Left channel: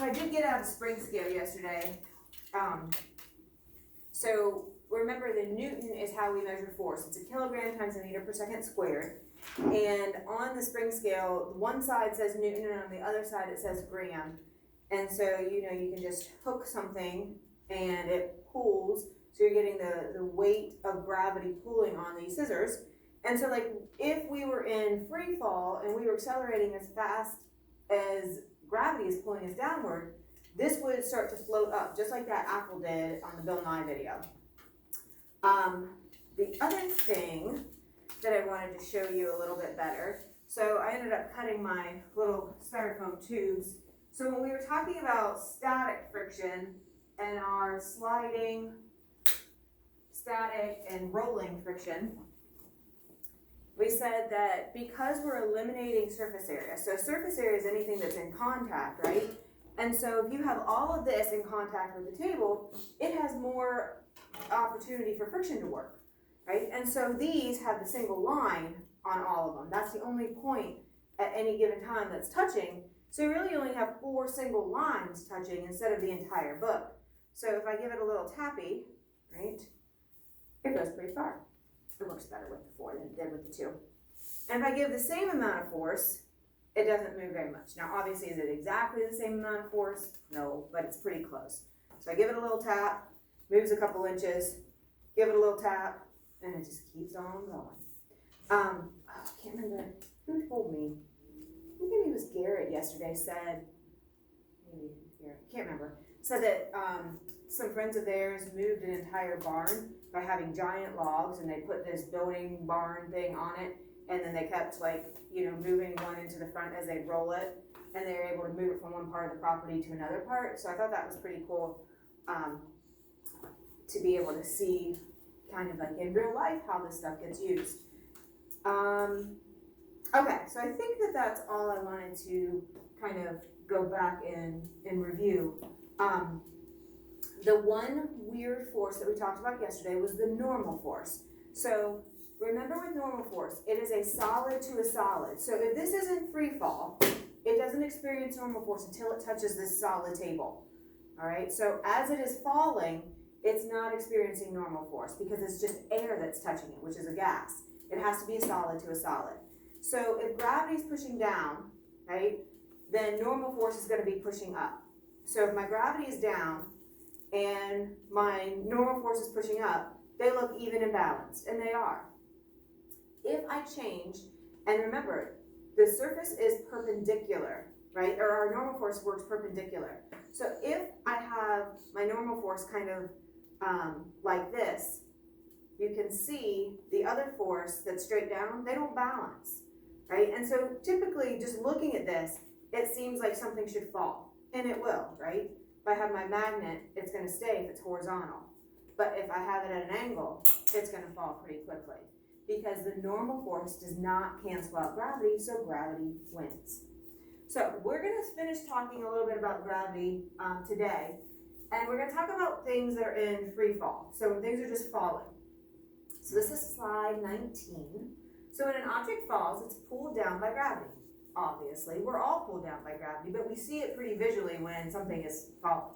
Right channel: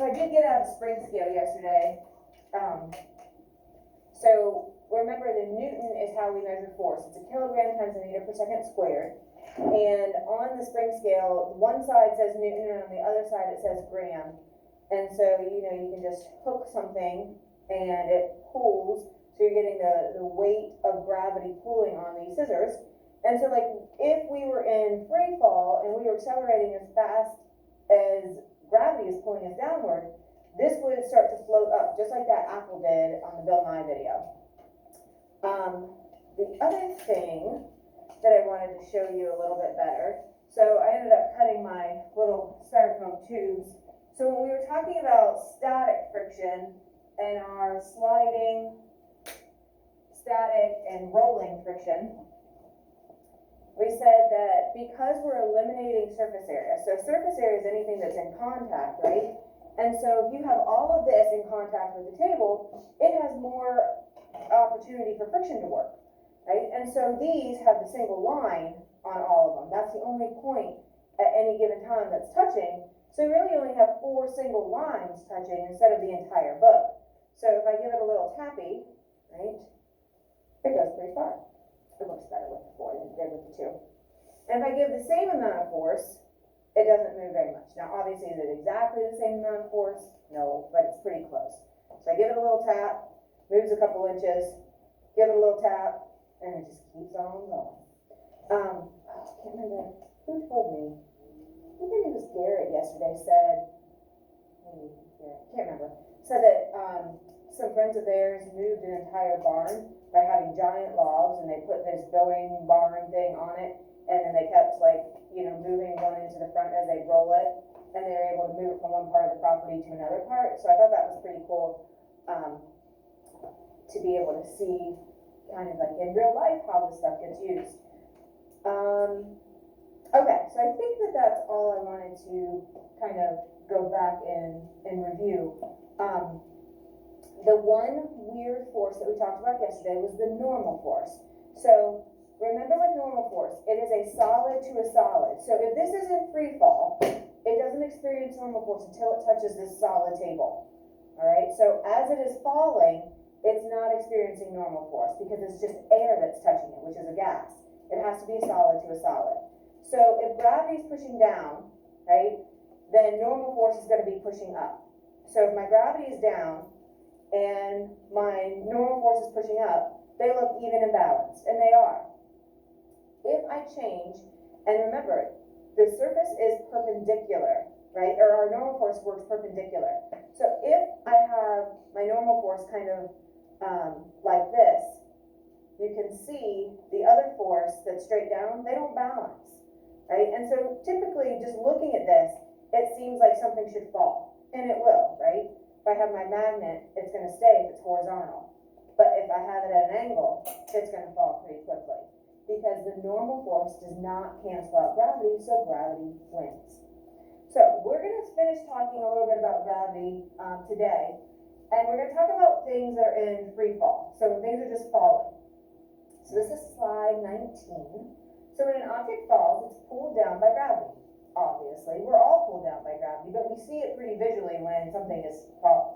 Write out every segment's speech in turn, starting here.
So I did get out the spring scale yesterday. So remember, the Newton is how we measure force. It's a kilogram times a meter per second squared. And on the spring scale, one side says Newton and on the other side it says gram. And so, you know, you can just hook something and it pulls. So you're getting the weight of gravity pulling on these scissors. And so, like, if we were in free fall and we were accelerating as fast as gravity is pulling us downward, this would start to float up, just like that apple did on the Bill Nye video. The other thing that I wanted to show you a little bit better, so I ended up cutting my little styrofoam tubes. So when we were talking about static friction and our sliding, static, and rolling friction, we said that because we're eliminating surface area, so surface area is anything that's in contact, right? And so if you have all of this in contact with the table, it has more opportunity for friction to work, right? And so these have the single line on all of them. That's the only point at any given time that's touching. So you really only have 4 single lines touching instead of the entire book. So if I give it a little tappy, right, it goes pretty far. It works better with the 4 than it did with the 2. And if I give the same amount of force, it doesn't move very much. Now, obviously, is it exactly the same amount of force? No, but it's pretty close. So I give it a little tap, moves a couple inches, give it a little tap, and it just keeps on going. I can't remember who told me. Maybe it was Garrett yesterday said, maybe Garrett, can't remember, said that some friends of theirs moved an entire barn by having giant logs, and they put this building barn thing on it, and then they kept, like, you know, moving one into the front as they roll it, and they were able to move it from one part of the property to another part. So I thought that was pretty cool to be able to see kind of like in real life how this stuff gets used. Okay, so I think that that's all I wanted to kind of go back and review. The one weird force that we talked about yesterday was the normal force. So remember, with normal force, it is a solid to a solid. So if this is in free fall, it doesn't experience normal force until it touches this solid table. All right, so as it is falling, it's not experiencing normal force because it's just air that's touching it, which is a gas. It has to be a solid to a solid. So if gravity is pushing down, right, then normal force is going to be pushing up. So if my gravity is down and my normal force is pushing up, they look even and balanced, and they are. If I change, and remember, the surface is perpendicular, right? Or our normal force works perpendicular. So if I have my normal force kind of like this, you can see the other force that's straight down, they don't balance, right? And so typically, just looking at this, it seems like something should fall, and it will, right? If I have my magnet, it's going to stay if it's horizontal. But if I have it at an angle, it's going to fall pretty quickly because the normal force does not cancel out gravity, so gravity wins. So we're going to finish talking a little bit about gravity today, and we're going to talk about things that are in free fall. So when things are just falling. So this is slide 19. So when an object falls, it's pulled down by gravity. Obviously, we're all pulled down by gravity, but we see it pretty visually when something is falling.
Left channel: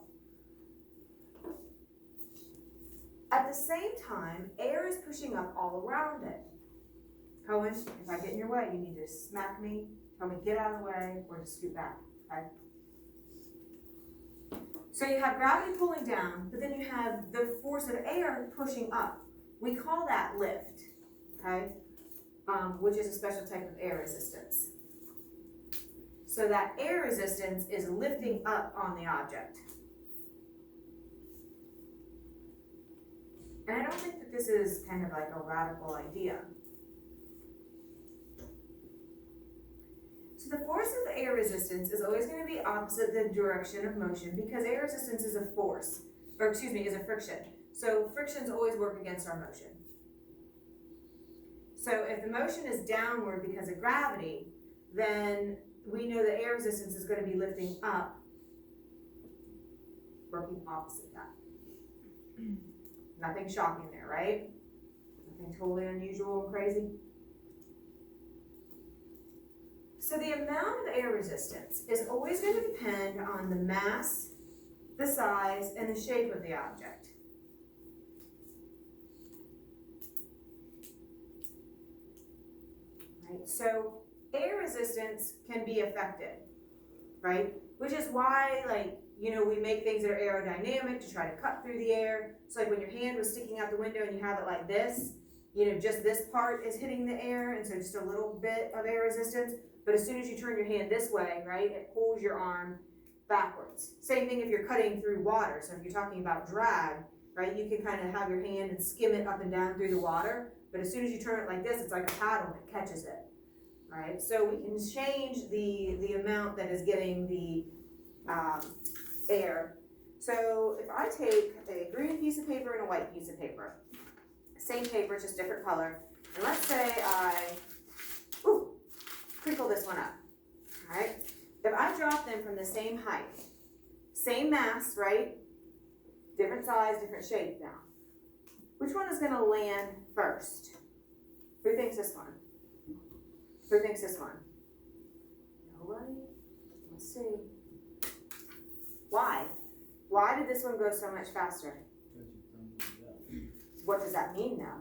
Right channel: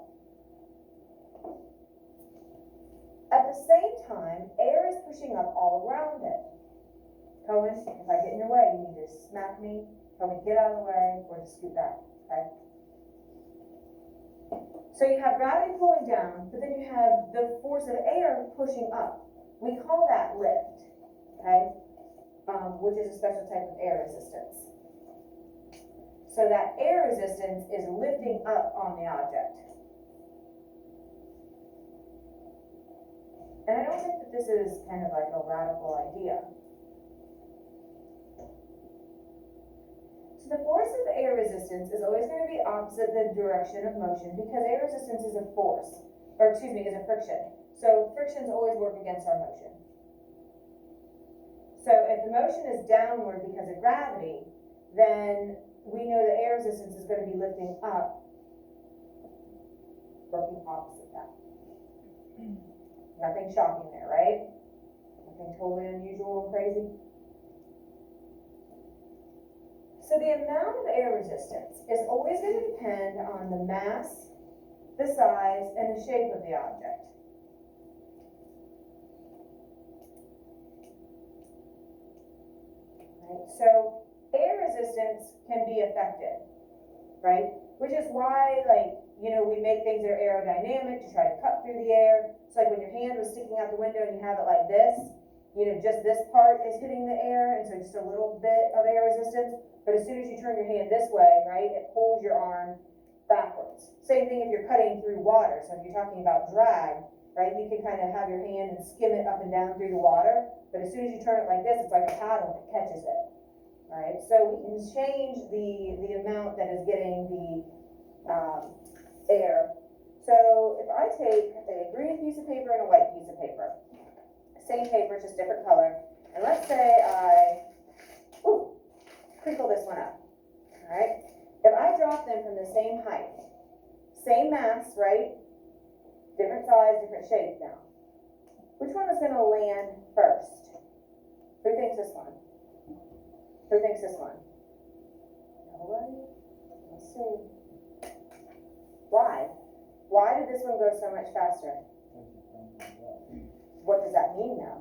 At the same time, air is pushing up all around it. Cohen, if I get in your way, you need to smack me, tell me get out of the way, or just scoot back, okay? So you have gravity pulling down, but then you have the force of air pushing up. We call that lift, okay? Which is a special type of air resistance. So that air resistance is lifting up on the object. And I don't think that this is kind of like a radical idea. So the force of air resistance is always going to be opposite the direction of motion because air resistance is a force, or excuse me, is a friction. So frictions always work against our motion. So if the motion is downward because of gravity, then we know that air resistance is going to be lifting up, working opposite that. Nothing shocking there, right? Nothing totally unusual and crazy. So the amount of air resistance is always going to depend on the mass, the size, and the shape of the object. Right? So air resistance can be affected, right? Which is why, like, you know, we make things that are aerodynamic to try to cut through the air. So like when your hand was sticking out the window and you have it like this, you know, just this part is hitting the air, and so just a little bit of air resistance. But as soon as you turn your hand this way, right, it pulls your arm backwards. Same thing if you're cutting through water. So if you're talking about drag, right, you can kind of have your hand and skim it up and down through the water. But as soon as you turn it like this, it's like a paddle that catches it. All right, so we can change the amount that is getting the air. So if I take a green piece of paper and a white piece of paper, same paper, just different color, and let's say I crinkle this one up. All right, if I drop them from the same height, same mass, right, different size, different shape now, which one is going to land first? Who thinks this one? Who thinks this one? Nobody? Let's see. Why? Why did this one go so much faster? What does that mean now?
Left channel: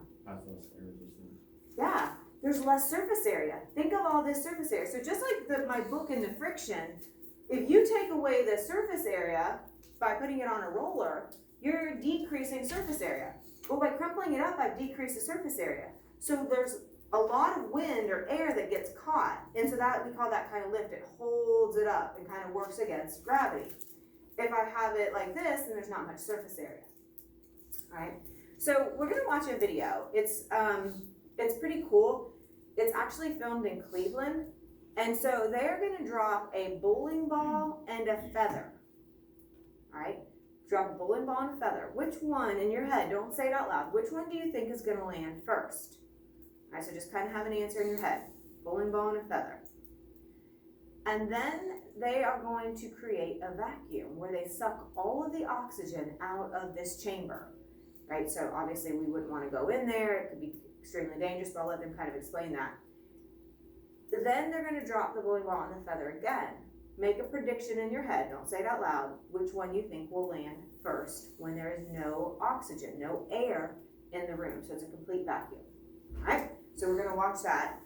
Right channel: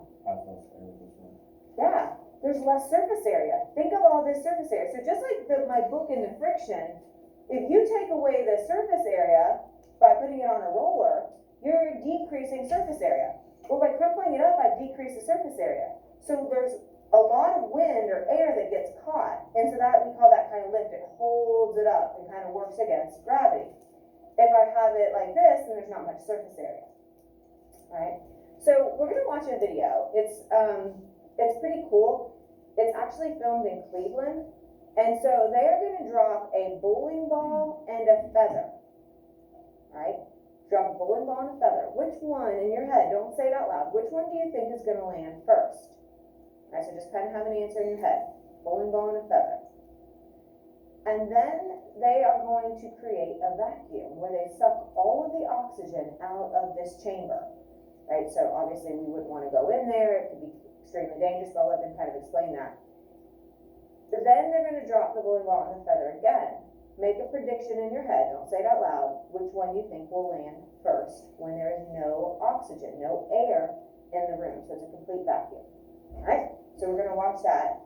Yeah, there's less surface area. Think of all this surface area. So just like my book and the friction, if you take away the surface area by putting it on a roller, you're decreasing surface area. Well, by crumpling it up, I've decreased the surface area. So there's a lot of wind or air that gets caught, and so that we call that kind of lift. It holds it up and kind of works against gravity. If I have it like this, then there's not much surface area. All right. So we're gonna watch a video. It's pretty cool. It's actually filmed in Cleveland, and so they're gonna drop a bowling ball and a feather. All right. Drop a bowling ball and a feather. Which one in your head? Don't say it out loud. Which one do you think is gonna land first? All right, so just kind of have an answer in your head. Bowling ball and a feather. And then they are going to create a vacuum where they suck all of the oxygen out of this chamber, right? So obviously we wouldn't want to go in there. It could be extremely dangerous, but I'll let them kind of explain that. Then they're going to drop the bowling ball and the feather again. Make a prediction in your head, don't say it out loud, which one you think will land first when there is no oxygen, no air in the room. So it's a complete vacuum, all right? So we're going to watch that